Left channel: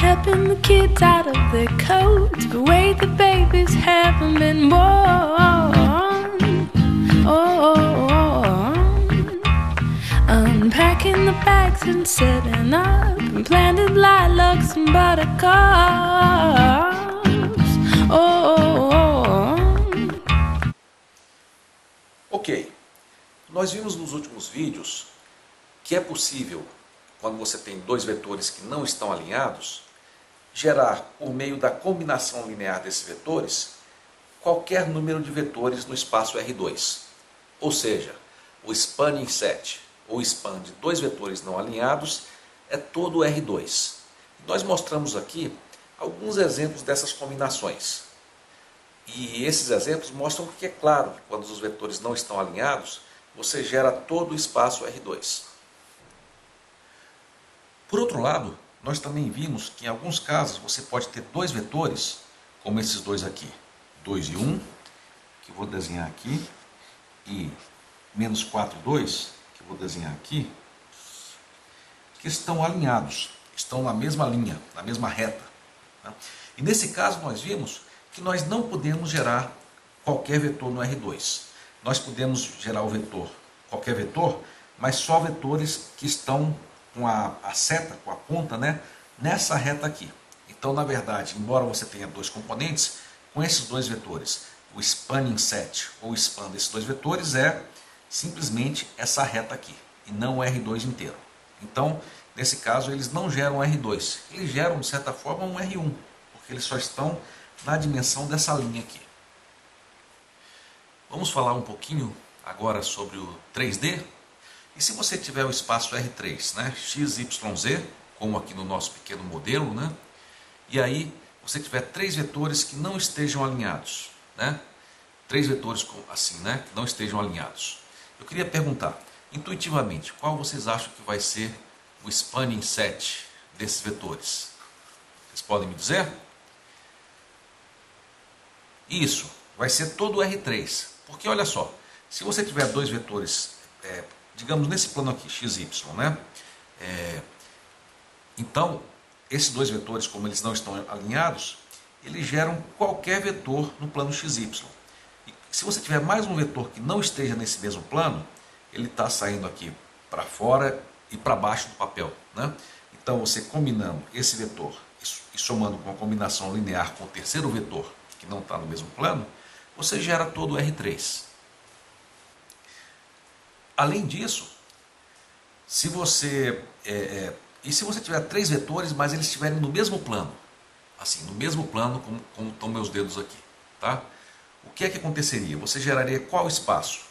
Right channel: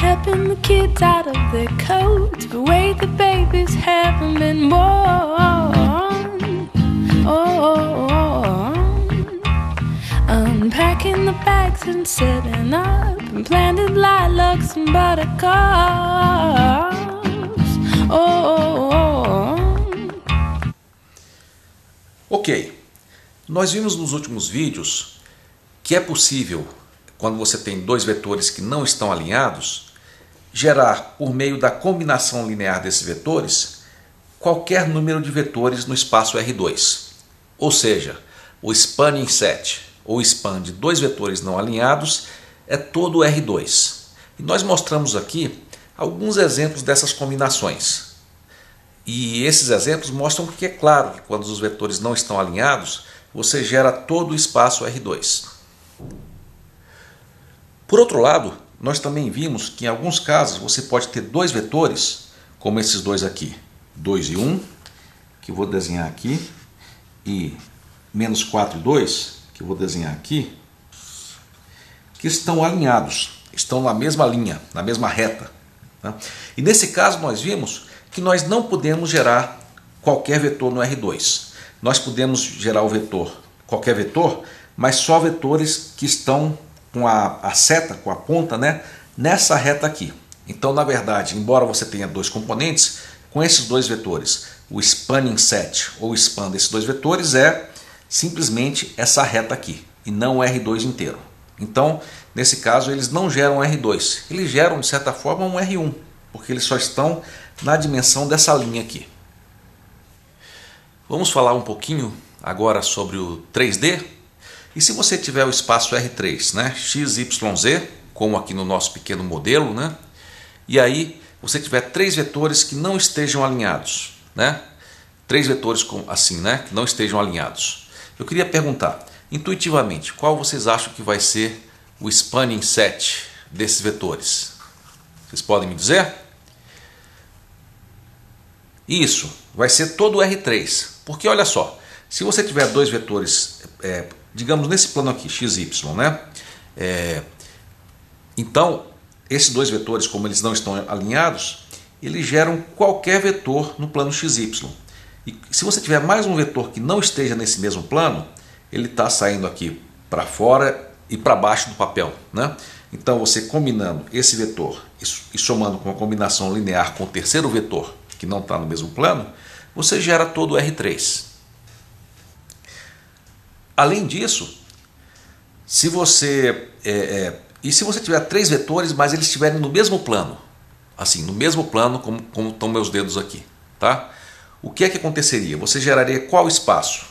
helping the kids out of their coats, the way the babies haven't been born. Unpacking the bags and setting up, and planted lilacs and buttercups. Ok, nós vimos nos últimos vídeos que é possível, quando você tem dois vetores que não estão alinhados, gerar, por meio da combinação linear desses vetores, qualquer número de vetores no espaço R2. Ou seja, o spanning set ou span de dois vetores não alinhados é todo R2. E nós mostramos aqui alguns exemplos dessas combinações. E esses exemplos mostram que é claro que quando os vetores não estão alinhados, você gera todo o espaço R2. Por outro lado, nós também vimos que em alguns casos você pode ter dois vetores, como esses dois aqui, 2 e 1, que eu vou desenhar aqui, e menos 4 e 2, que eu vou desenhar aqui, que estão alinhados, estão na mesma linha, na mesma reta. Né? E nesse caso nós vimos que nós não podemos gerar qualquer vetor no R2. Nós podemos gerar o vetor, qualquer vetor, mas só vetores que estão com a seta, com a ponta, né, nessa reta aqui. Então, na verdade, embora você tenha dois componentes, com esses dois vetores, o spanning set ou span desses dois vetores é simplesmente essa reta aqui, e não o R2 inteiro. Então, nesse caso, eles não geram R2, eles geram, de certa forma, um R1, porque eles só estão na dimensão dessa linha aqui. Vamos falar um pouquinho agora sobre o 3D. E se você tiver o espaço R3, né, x, y, z, como aqui no nosso pequeno modelo, né, e aí você tiver três vetores que não estejam alinhados, né, três vetores assim, né, que não estejam alinhados. Eu queria perguntar, intuitivamente, qual vocês acham que vai ser o spanning set desses vetores? Vocês podem me dizer? Isso, vai ser todo o R3, porque olha só, se você tiver dois vetores, digamos nesse plano aqui, x, y, né? Então, esses dois vetores, como eles não estão alinhados, eles geram qualquer vetor no plano xy. E se você tiver mais um vetor que não esteja nesse mesmo plano, ele está saindo aqui para fora e para baixo do papel, né? Então, você combinando esse vetor e somando com uma combinação linear com o terceiro vetor, que não está no mesmo plano, você gera todo o R3. Além disso, se você tiver três vetores, mas eles estiverem no mesmo plano, assim, no mesmo plano como estão meus dedos aqui, tá? O que é que aconteceria? Você geraria qual espaço?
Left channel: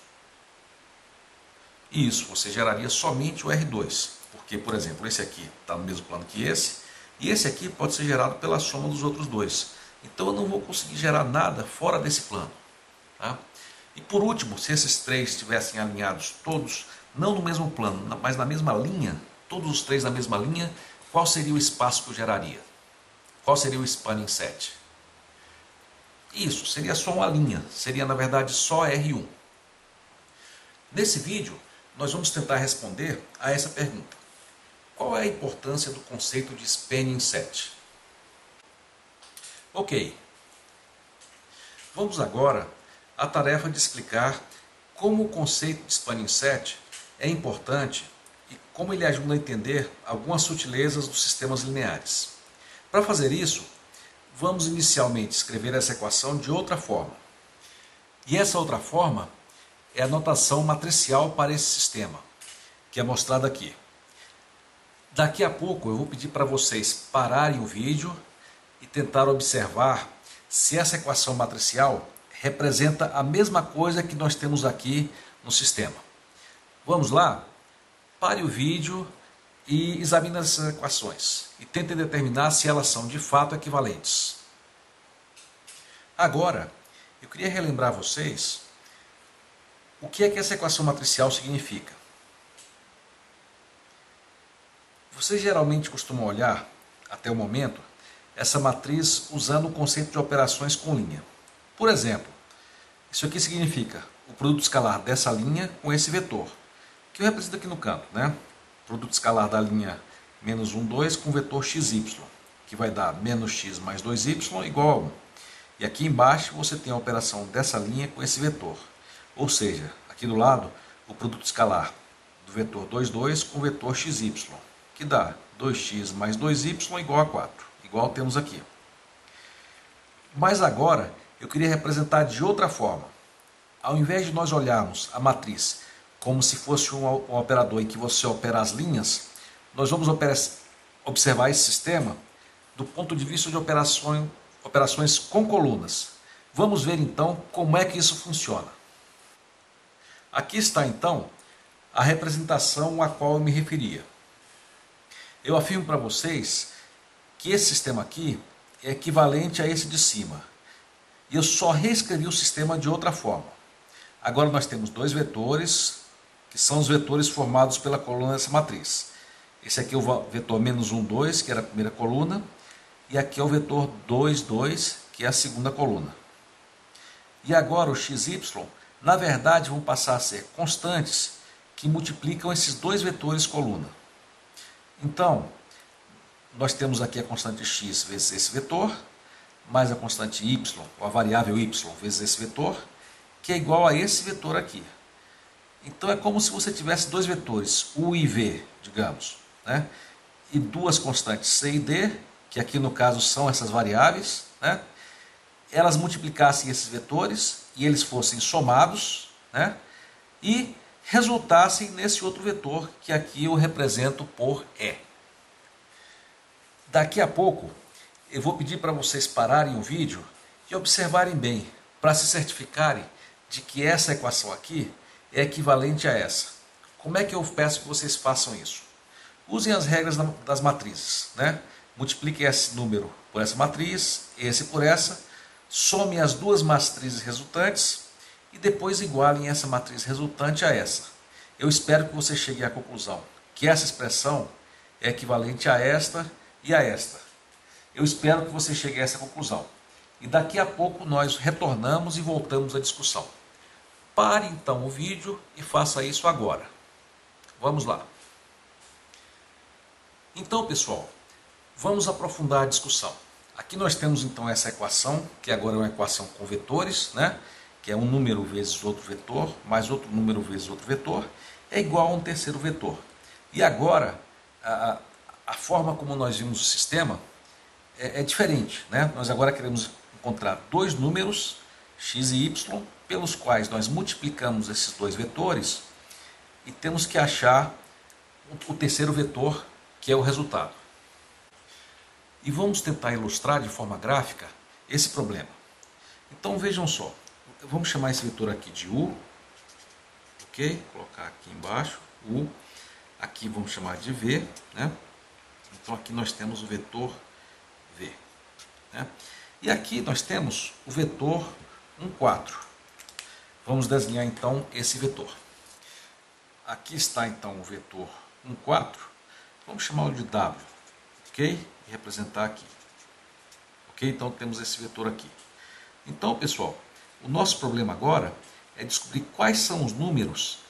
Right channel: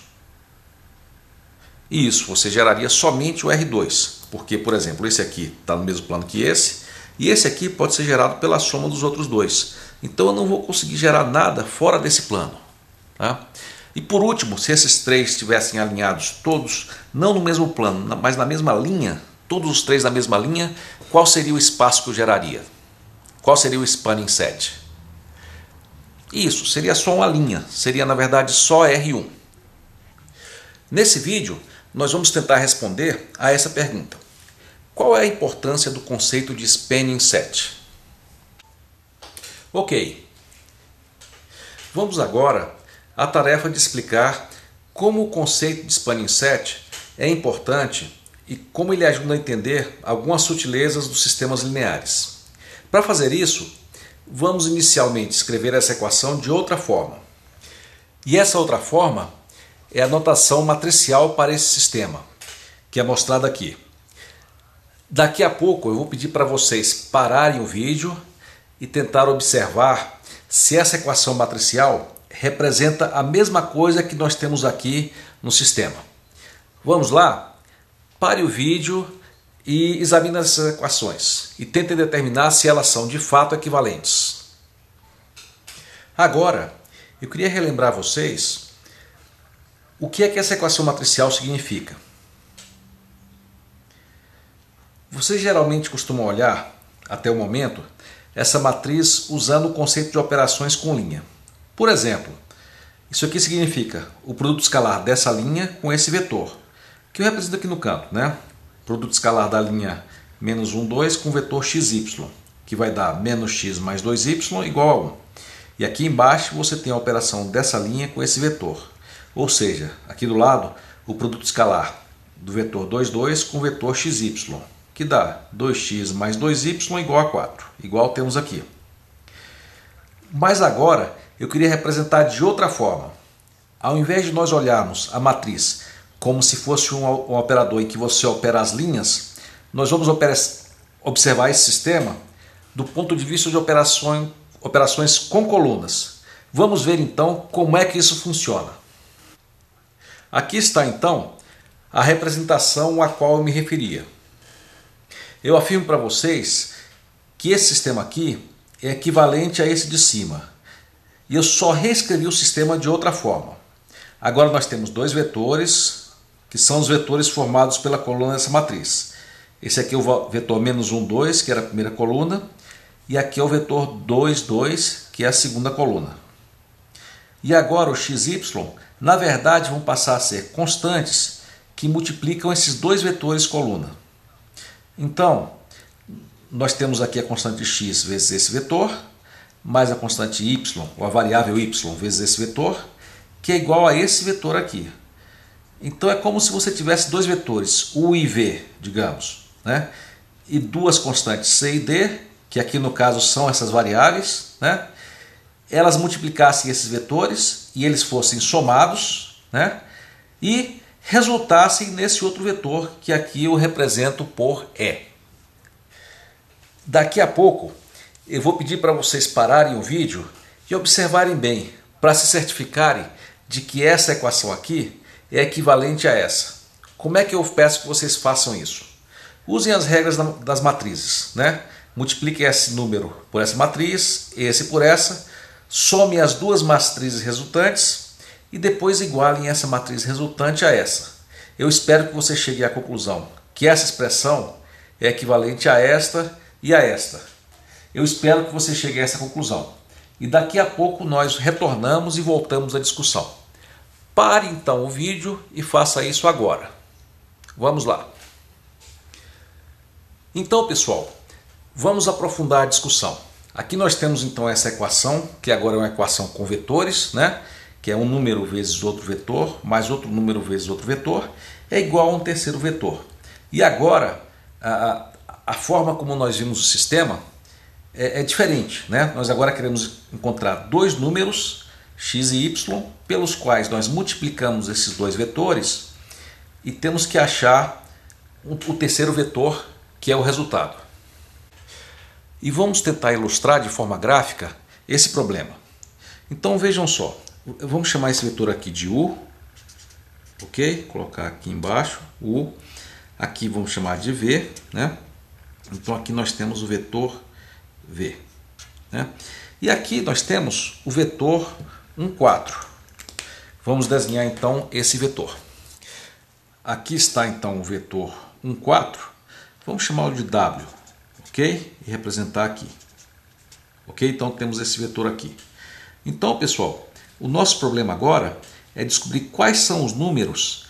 Isso, você geraria somente o R2, porque, por exemplo, esse aqui está no mesmo plano que esse, e esse aqui pode ser gerado pela soma dos outros dois. Então eu não vou conseguir gerar nada fora desse plano, tá? E por último, se esses três estivessem alinhados todos, não no mesmo plano, mas na mesma linha, todos os três na mesma linha, qual seria o espaço que eu geraria? Qual seria o spanning set? Isso, seria só uma linha, seria na verdade só R1. Nesse vídeo, nós vamos tentar responder a essa pergunta. Qual é a importância do conceito de spanning set? Ok, vamos agora à tarefa de explicar como o conceito de spanning set é importante e como ele ajuda a entender algumas sutilezas dos sistemas lineares. Para fazer isso, vamos inicialmente escrever essa equação de outra forma. E essa outra forma é a notação matricial para esse sistema, que é mostrada aqui. Daqui a pouco eu vou pedir para vocês pararem o vídeo e tentar observar se essa equação matricial representa a mesma coisa que nós temos aqui no sistema. Vamos lá? Pare o vídeo e examine essas equações e tentem determinar se elas são de fato equivalentes. Agora, eu queria relembrar vocês o que é que essa equação matricial significa. Vocês geralmente costumam olhar, até o momento, essa matriz usando o conceito de operações com linha. Por exemplo, isso aqui significa o produto escalar dessa linha com esse vetor, que eu represento aqui no canto, né? Produto escalar da linha menos 1, 2 com o vetor xy, que vai dar menos x mais 2y igual a 1. E aqui embaixo você tem a operação dessa linha com esse vetor. Ou seja, aqui do lado, o produto escalar do vetor 2, 2 com o vetor xy, que dá 2x mais 2y igual a 4, igual temos aqui. Mas agora eu queria representar de outra forma. Ao invés de nós olharmos a matriz como se fosse um operador em que você opera as linhas, nós vamos observar esse sistema do ponto de vista de operações com colunas. Vamos ver então como é que isso funciona. Aqui está então a representação a qual eu me referia. Eu afirmo para vocês que esse sistema aqui é equivalente a esse de cima. E eu só reescrevi o sistema de outra forma. Agora nós temos dois vetores, que são os vetores formados pela coluna dessa matriz. Esse aqui é o vetor menos 1, 2, que era a primeira coluna. E aqui é o vetor 2, 2, que é a segunda coluna. E agora o xy, na verdade, vão passar a ser constantes que multiplicam esses dois vetores coluna. Então, nós temos aqui a constante x vezes esse vetor, mais a constante y, ou a variável y, vezes esse vetor, que é igual a esse vetor aqui. Então é como se você tivesse dois vetores, u e v, digamos, né? E duas constantes c e d, que aqui no caso são essas variáveis, né? Elas multiplicassem esses vetores e eles fossem somados, né? E resultassem nesse outro vetor que aqui eu represento por E. Daqui a pouco eu vou pedir para vocês pararem o vídeo e observarem bem, para se certificarem de que essa equação aqui é equivalente a essa. Como é que eu peço que vocês façam isso? Usem as regras das matrizes, né? Multipliquem esse número por essa matriz, esse por essa, somem as duas matrizes resultantes e depois igualem essa matriz resultante a essa. Eu espero que você chegue à conclusão que essa expressão é equivalente a esta e a esta. Eu espero que você chegue a essa conclusão. E daqui a pouco nós retornamos e voltamos à discussão. Pare então o vídeo e faça isso agora. Vamos lá. Então, pessoal, vamos aprofundar a discussão. Aqui nós temos então essa equação, que agora é uma equação com vetores, né? Que é um número vezes outro vetor, mais outro número vezes outro vetor, é igual a um terceiro vetor. E agora, a forma como nós vimos o sistema é diferente, né? Nós agora queremos encontrar dois números, x e y, pelos quais nós multiplicamos esses dois vetores e temos que achar o terceiro vetor, que é o resultado. E vamos tentar ilustrar de forma gráfica esse problema. Então vejam só, vamos chamar esse vetor aqui de u, ok? Colocar aqui embaixo, u, aqui vamos chamar de v, né? Então aqui nós temos o vetor v, né? E aqui nós temos o vetor 1, 4. Vamos desenhar então esse vetor. Aqui está então o vetor 1, 4. Vamos chamá-lo de w, ok? E representar aqui. Ok? Então temos esse vetor aqui. Então, pessoal, o nosso problema agora é descobrir quais são os números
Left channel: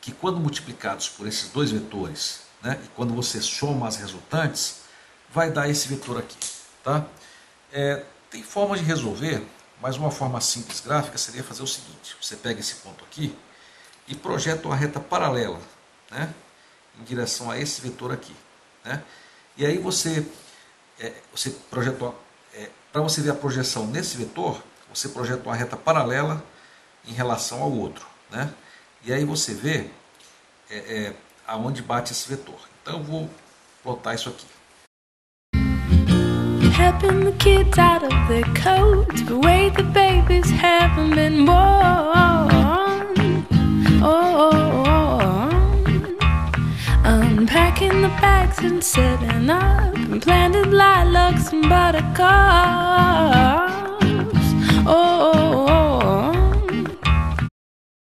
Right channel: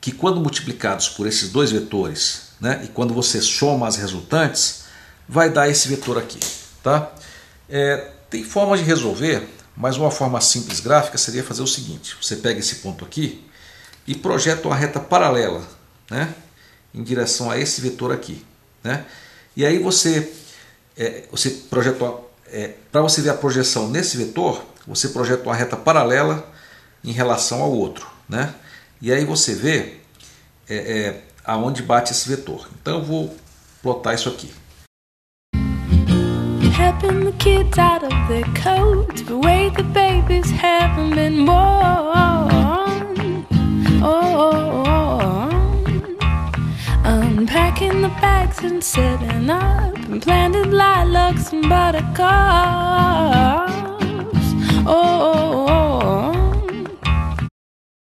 que, quando multiplicados por esses dois vetores, né, e quando você soma as resultantes, vai dar esse vetor aqui. Tá? Tem formas de resolver, mas uma forma simples gráfica seria fazer o seguinte: você pega esse ponto aqui e projeta uma reta paralela, né, em direção a esse vetor aqui, né? E aí você projetou, para você ver a projeção nesse vetor, você projeta uma reta paralela em relação ao outro, né? E aí você vê aonde bate esse vetor. Então eu vou plotar isso aqui. Helping the kids out of their coats, the way the babies haven't been born. Unpacking the bags and setting up, and planted lilacs and buttercups.